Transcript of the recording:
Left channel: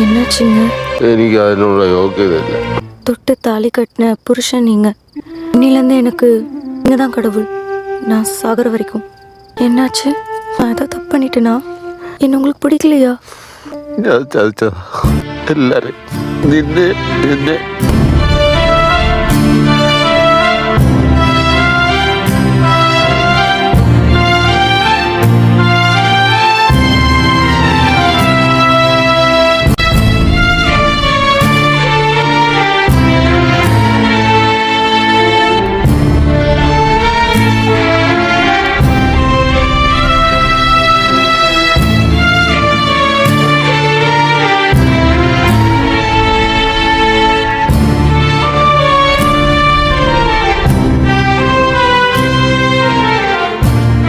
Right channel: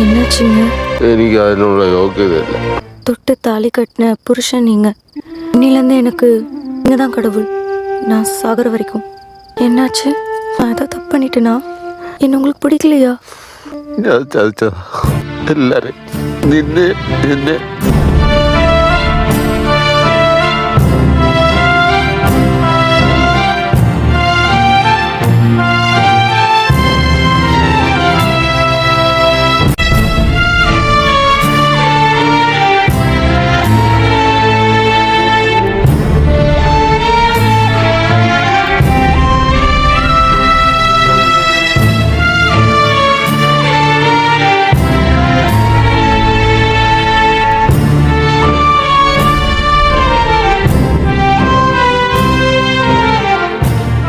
என்னாச்சுங்க? എനിക്ക് അതിനുള്ള യോഗ്യതയില്ല. தொட்டு தாலி கட்டின புருஷன் நீங்க. இன்னிலேருந்து எனக்கு நீங்க தான் கடவுள். நான் சாகர வரைக்கும். என்னாச்சு? நான் ஏதோ தப்பு பண்ணிட்டேனா? என்ன உங்களுக்கு பிடிக்கலையா? ഞാൻ ചതിച്ചതാ എല്ലാരെയും. നിന്നെ